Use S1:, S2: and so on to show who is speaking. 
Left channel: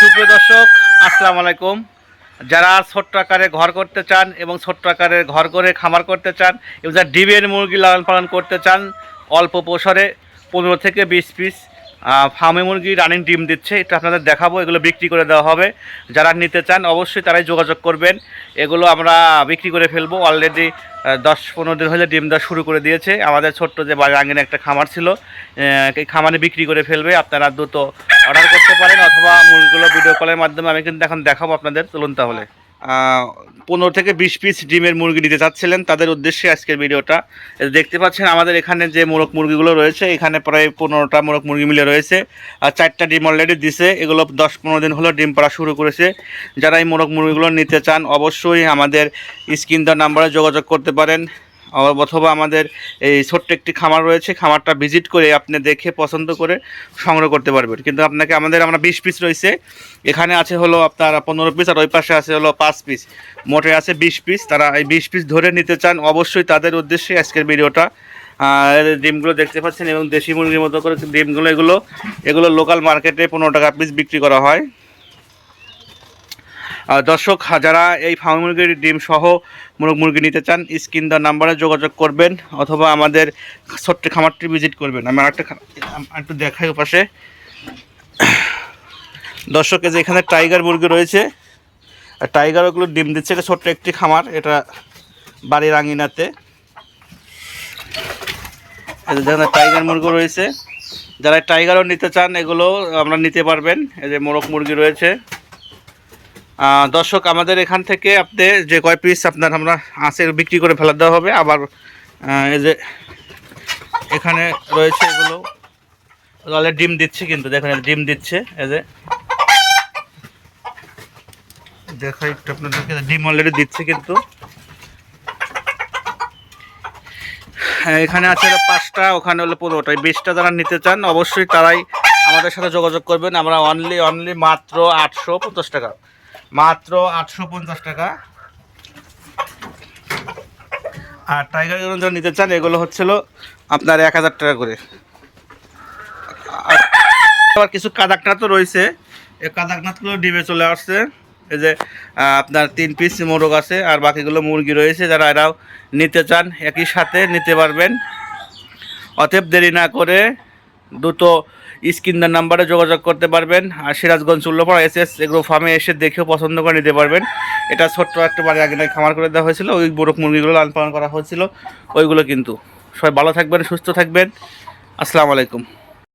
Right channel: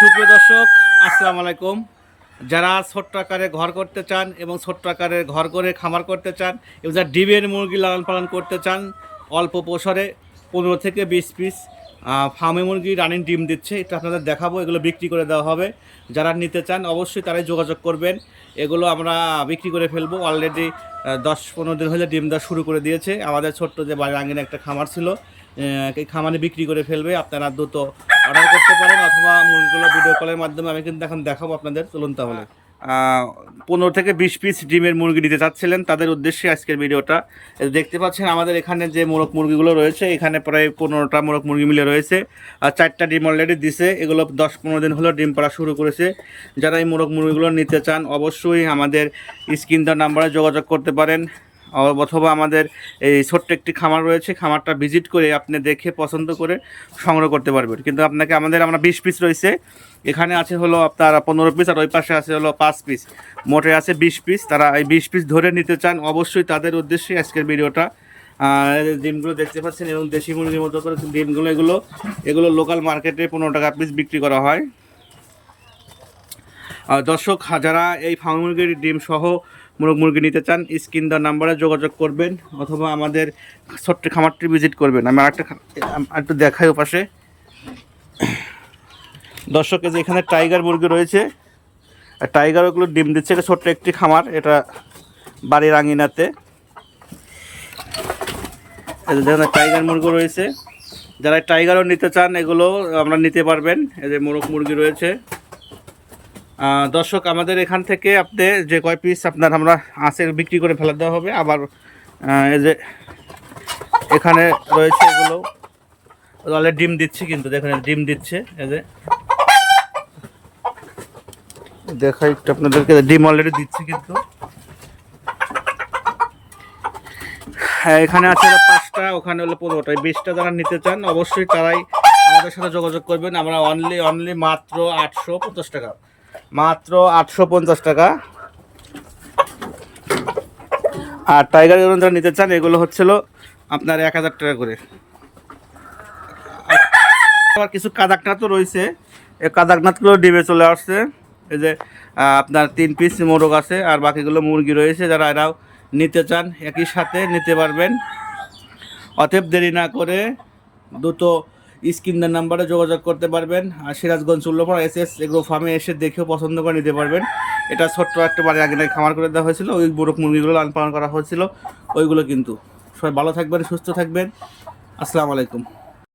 S1: সুপ্রিয় দর্শক, আসসালামু আলাইকুম। যারা ছোট্ট আকারে ঘর করতে চান এবং ছোট্ট আকারে ঘর করে খামার করতে চান এবং যারা ডিমের মুরগি লালন পালন করতে চান, অল্প পোষরে পনেরো থেকে বিশ পিস ফার্মে মুরগি রানিং ডিম দিচ্ছে, এটা আপনাদের দেখাবো, এগুলো বিক্রি করে দেওয়া হবে। যারা নিতে চান, অবশ্যই তারাই যোগাযোগ করবেন। এগুলো আমরা বিক্রি করে ফেলব। অলরেডি দশ পনেরো দিন হলে ডিম দেওয়া শুরু করে দিয়েছে। আমাদের ছোট্ট যে আঙ্গিনে একটা খামার ছিল এই খামারে বিক্রি করে ফেলবে। আপনারা দ্রুত অর্ডার করতে পারেন, অথবা মুরগিগুলো ভিডিও কলের মাধ্যমে আমি কিন্তু এখন দেখাবো আপনাদের। চলুন তাহলে। পনেরো থেকে বিশ পিস ডিমের মুরগি নিতে চাচ্ছিলেন। তাদের উদ্দেশ্যে আজকের ভিডিওটা। দেখতে পাচ্ছেন আমাদের এখানে যে মোরগ মুরগিগুলো রয়েছে, এখানে প্রায় পনেরোটা মোরগ মুরগি মিলে রয়েছে। আর চারটা ডিম অলরেডি দিছে। এগুলো দশ পনেরো দিন হলো ডিম পাড়া শুরু করেছে। যারা এই মোরগ মুরগিগুলো নিতে চান, অবশ্যই আমাদের স্ক্রিন দেওয়ার নাম্বারে যোগাযোগ করতে পারেন। অথবা আমাদের এই ছোট্ট একটি খামার রয়েছে। খামারটা ভিজিট করে আপনি দেখে, পছন্দ করে সংগ্রহ করতে পারবেন। কিন্তু আপনাকে আমাদের আমরা বিশ পিস রয়েছে। এখানে আছে হলো আপনার পনেরো পিস আর ওই পাশে আছে হলো পাঁচ পিস মোটে আছে বিশ পিস তারা এই বিশ পিস ধরে নিতে চান, অবশ্যই তাদের উদ্দেশ্যে আজকের ভিডিওটা। ডিমগুলো দেখতে পাচ্ছেন এবং দেশি মুরগির মতো করে ডিমগুলো এগুলো এগুলো লোকাল মার্কেটে পনেরো টাকা পিস বিক্রি করা হয়। দর্শক যারা এই ফার্ম মুরগির ডিম সহ মুরগ মুরগি নিতে চান, স্ক্রিন দেওয়ার নাম্বারে যোগাযোগ করবেন অথবা আমাদের ছোট্ট খামারটি ভিজিট করবেন। আমি আরেকটা একটু দেখাই ওপাশে দর্শক যে এখানে টাইগার মুরগি রয়েছে। আর টাইগার ওগুলো ডিম দিচ্ছে, এটা ছোট্ট একটি খামার, এটা বাড়ির আঙিনাতে যেখানে টাইগার মুরগি রয়েছে। যারা টাইগারও নিতে চান, এগুলো আমরা নিতে পারবেন। এই যে মোরগ মুরগি রয়েছে। দর্শক, আমাদের এখান থেকে আপনি যে কয় পিস আপনার আমরা আঁচে বিক্রি করে ফেলা দেওয়া হবে, আবার এই যে এখানে রয়েছে এগুলো। অলরেডি ডিম দিচ্ছে কিন্তু, দেখেন ডিম দিচ্ছে, এই যে। দেখাই একটু আপনাদেরকে, ডিম অলরেডি দিচ্ছে কিন্তু। হ্যাঁ এখানে আছে পাঁচটা, ওখানে হলো পনেরোটা। এই বিশটা যারা নিতে চান, অবশ্যই তারাই আমাদের সাথে যোগাযোগ করবেন। আমরা অনলি অনলি মাত্র আটশো পঞ্চাশ টাকা। মাত্র আটশো পঞ্চাশ টাকা। আর টাইগার যেগুলো যারা নিতে চান, এগুলো হচ্ছিল আপনার এক হাজার টাকা করে। আবার কিছু কাদাকনাথ তো রয়েছে। এই কাদাকনাথগুলো ডিমে চলে আসছে। এই যে আপনার তিন পিস মোরগ আছে, আর বাকিগুলো মুরগি রয়েছে। যারা এরাও নিতে চান, একই সাথে নিতে পারবেন। অতএব দেরি না করে দ্রুত স্ক্রিনের নাম্বারে যোগাযোগ করতে পারবেন। আর Sirajganj Ullapara S S agro ফার্মে এসে দেখেও পছন্দ করে নিতে পারবেন। এটা ছোট্ট একটা বাড়ির আগে খামার করে দেওয়া হয়েছিল। ওই মোরগ মুরগিগুলো লালন পালন করা হয়েছিল। ওইগুলো কিন্তু। সবাই ভালো থাকবেন, সুস্থ থাকবেন। আসসালামু আলাইকুম।